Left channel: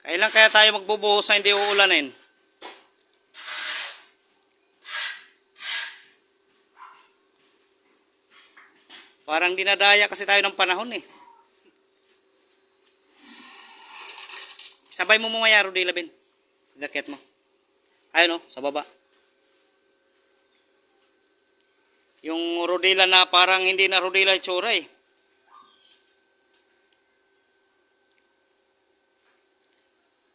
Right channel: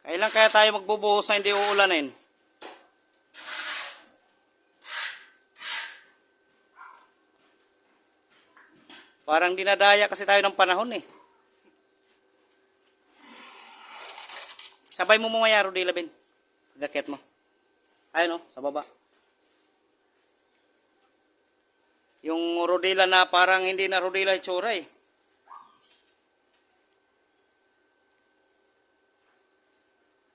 Kailan kaya tayo magbubuhos na hindi uulanin? Parang dinadaya kasi tayo ng panahon eh. Sabay mo mamaya, Rodila Ben. Gakyat mo. Ayun o, sa baba. Yung rodila na parang hindi na rodila itsura eh.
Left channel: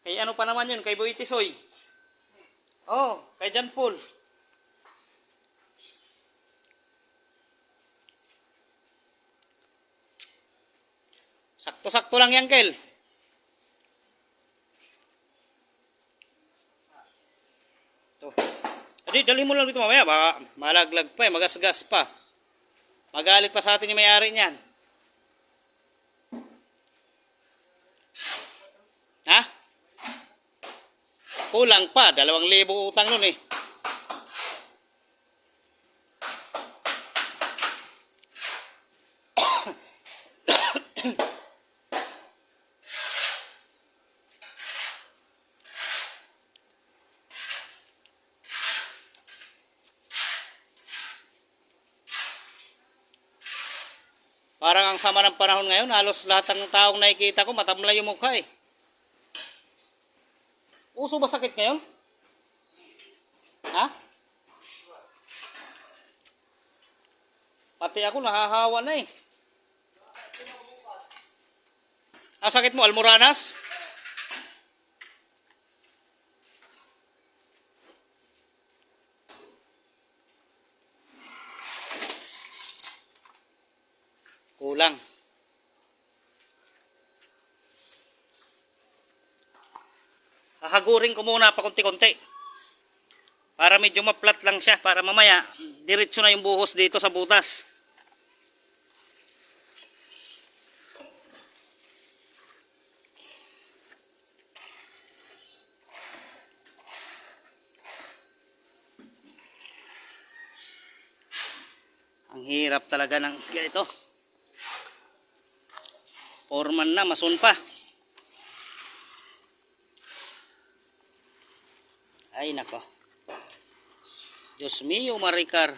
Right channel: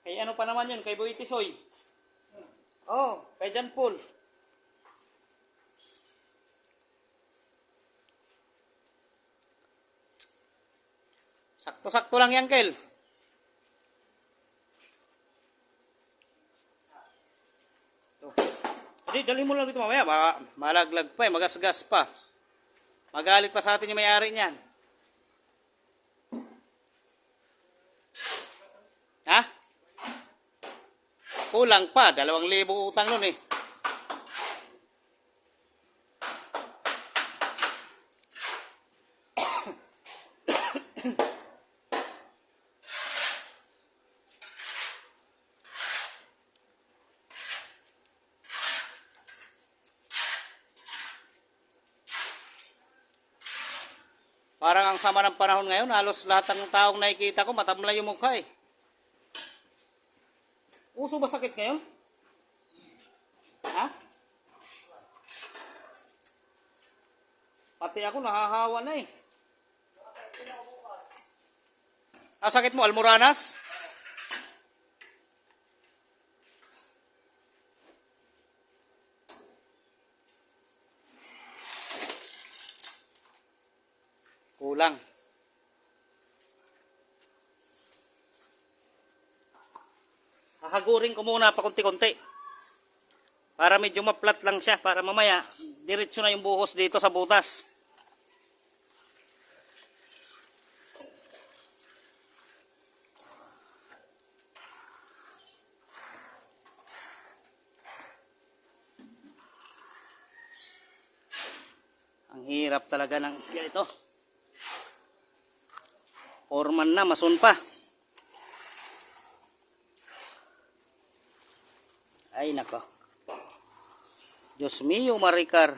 Kay ano pa naman yun? Kay Boy Tisoy. Oh, kay John Paul. Sakto-sakto lang yan, Kel. Dali mo lang dito mamaya, baka malaglag pa eh, magasgas pa. Magalit pa sa atin yung may-ari niyan. Ha? Kulang pa, 2,000 utang nun eh. Parang ang sama ng panahon ngayon, halos lahat ng taong nakikita ko matamlay yung mukha eh. Uso ba sakit ngayon? Ha? Pati ako nahahawa na eh. Ah, sakit mo, Almoranas? Kulang. Hahagurin ko muna pa konti-konti. Para medyo maplat lang siya. Para mamaya, diretso na yung buhos dito sa butas. Ang hirap talaga ng ganito. Foreman na, masun pa. Ay nako. Diyos mio, Maricar.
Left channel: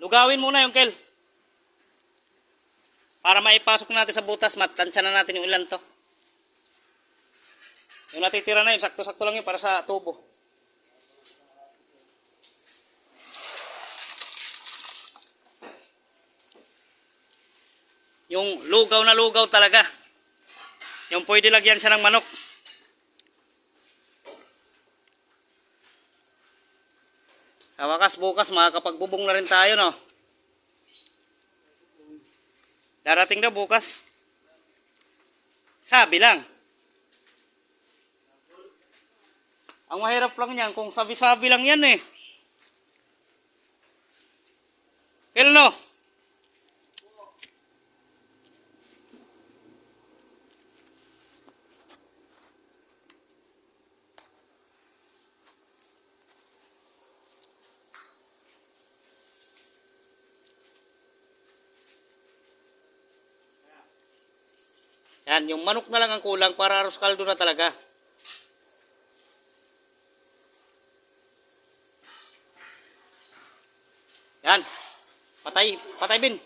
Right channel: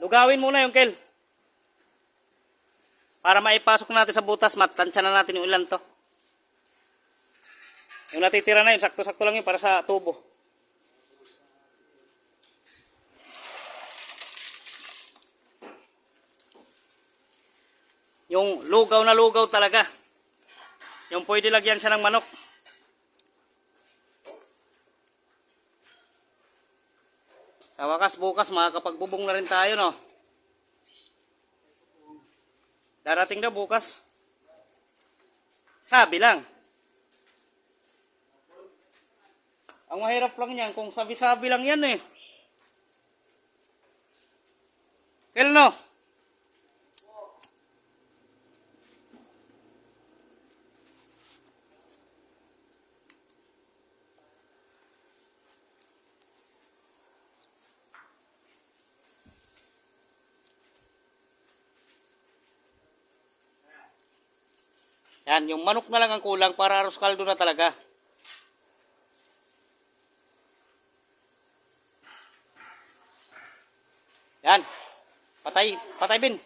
Lugawin muna yung Kel. Para maipasok natin sa butas, matansya na natin yung ilan to. Yung natitira na yun, sakto-sakto lang yun para sa tubo. Yung lugaw na lugaw talaga. Yung pwede lagyan siya ng manok. Sa wakas bukas makakapagbubong na rin tayo, no? Darating na bukas. Sabi lang. Ang mahirap lang yan kung sabi-sabi lang yan eh. Kel, no? Yan, yung manok na lang ang kulang para arroz caldo na talaga. Yan. Patay, patay bin.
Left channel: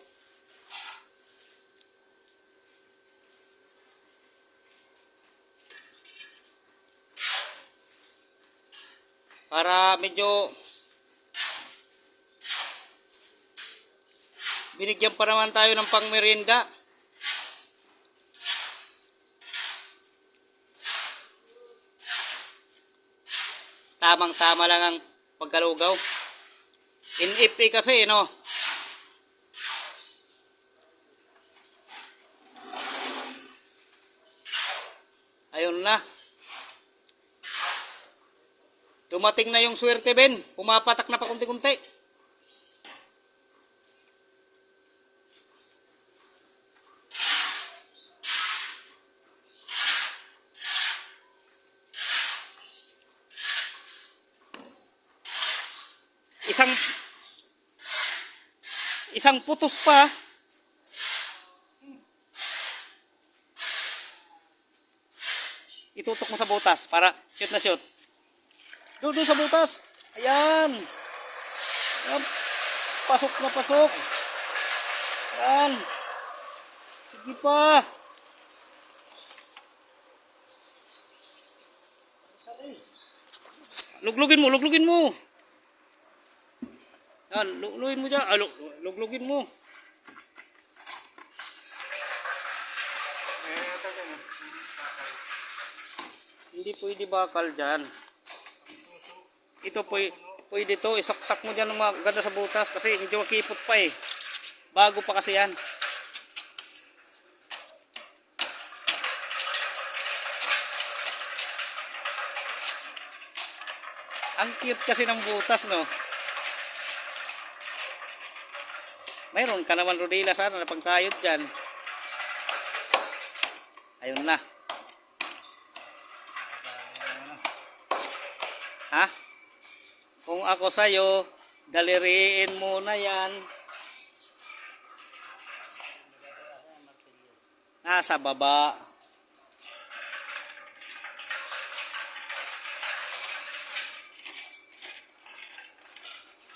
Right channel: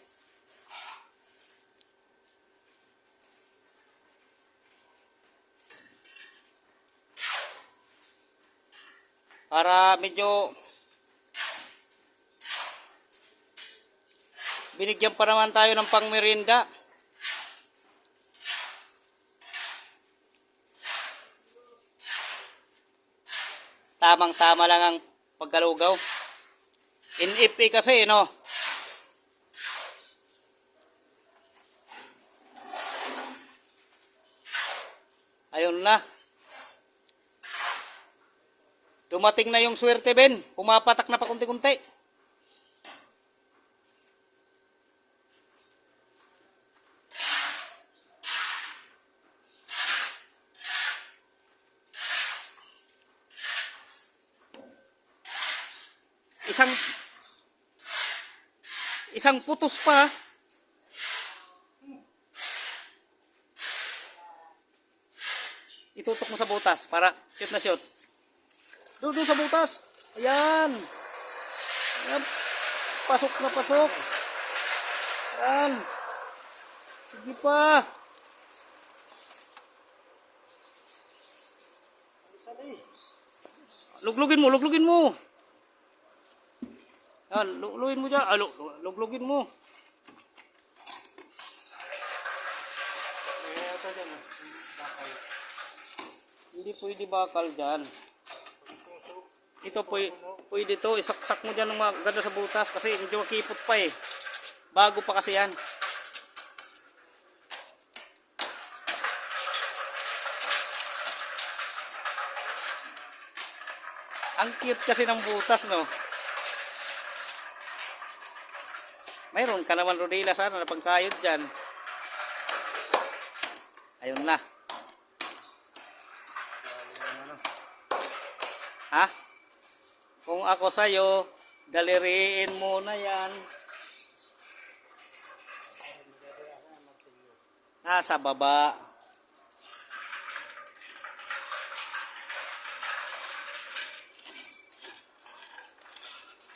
Para medyo binigyan pa naman tayo ng pangmerienda. Tamang-tama lang ang pagkalugaw. NFA kasi, no? Ayun na. Dumating na yung swerte, Ben. Pumapatak na pa kunti-kunti. isang putos pa. Itutok mo sa butas para shoot na shoot. Doon sa butas. Ayan. Ayan. Pasok na pasok. Ayan. Sige pa. Luglugin mo, luglugin mo. Yan, luglugin mo dyan. Luglugin mo. Hindi pwede bakal dyan. Ito pwede to. Isaksak mo dyan ng mga ganda sa butas kasi medyo makipot pa eh. Bago pa kasi yan. Ang cute kasi ng butas, no? Mayroon ka naman rodila sana na pangkayod dyan. Ayun na. Ha? Kung ako sa'yo, daliriin mo na yan. Nasa baba.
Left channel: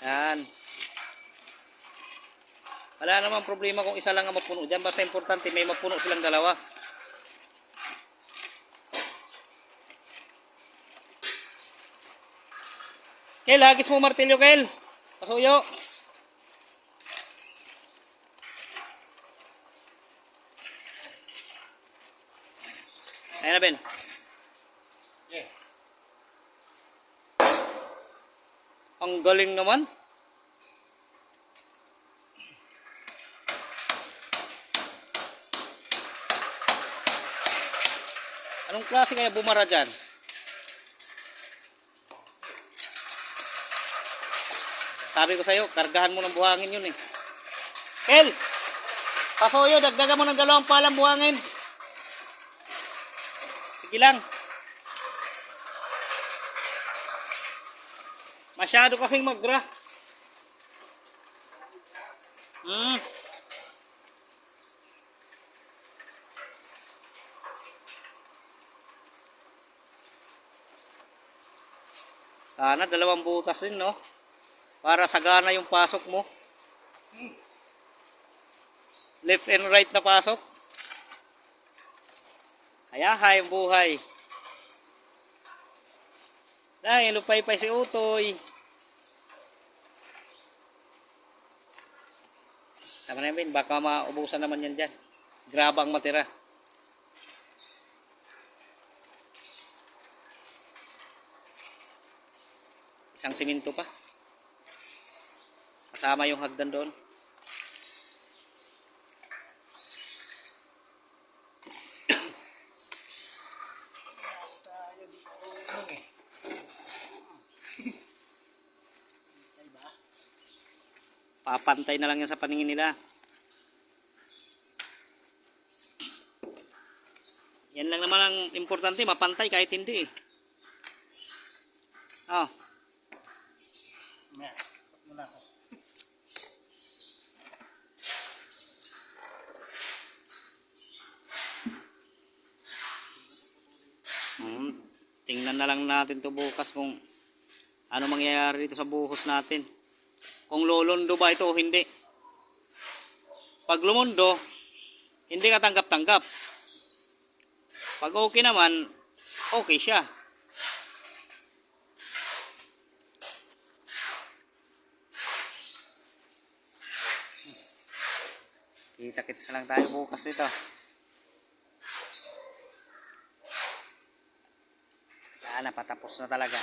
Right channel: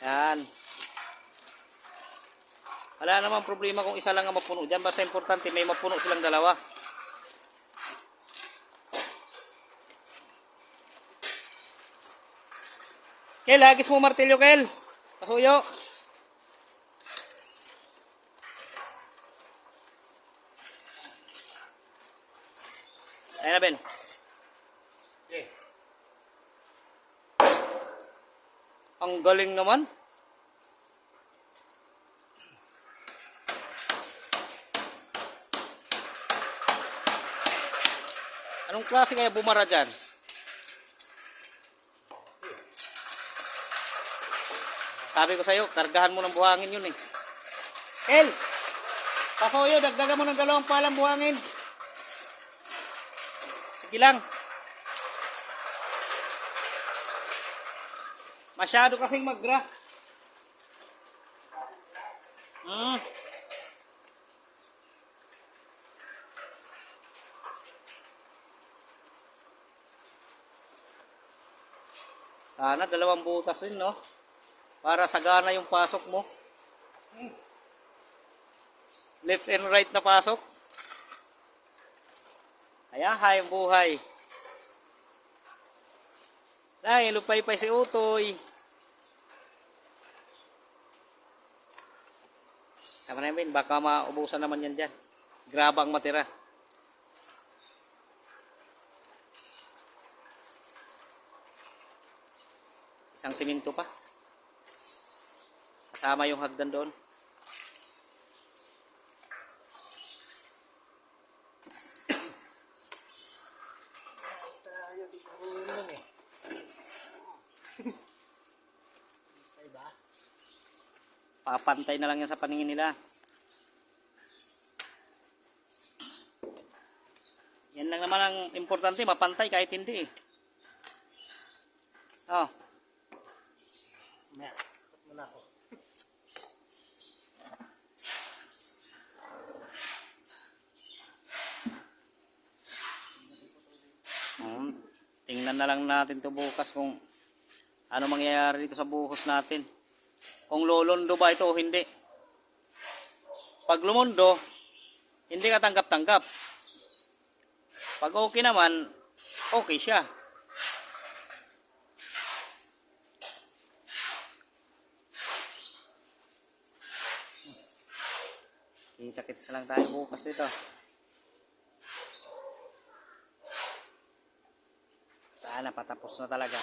Yan. Wala namang problema kung isa lang ang mapuno dyan. Basta importante may mapuno silang dalawa. Kel, hagis mo martilyo, Kel. Pasuyo. Ayan na, Ben. Okay. Ang galing naman. Anong klase kaya bumara dyan? Sabi ko sa'yo, kargahan mo ng buhangin yun eh. El! Pasuyo, dagdagan mo ng 2 palang buhangin. Sige lang. Masyado kasing magra. Sana 2 butas din, no? Para sagana yung pasok mo. Left and right na pasok. Hayahay ang buhay. Dahil lupay-pay si Utoy. Tama na yun, baka maubusan naman yan dyan. Grabang matira. Isang siminto pa. Kasama yung hagdan doon. Papantay na lang yan sa paningin nila. Yan lang naman ang importante, mapantay kahit hindi eh. Oh. Tingnan na lang natin to bukas kung ano mangyayari dito sa buhos natin. Kung lolondo ba ito o hindi. Pag lumundo, hindi ka tanggap-tanggap. Pag okay naman, okay siya. Kita-kits lang tayo bukas ito. Sana patapos na talaga.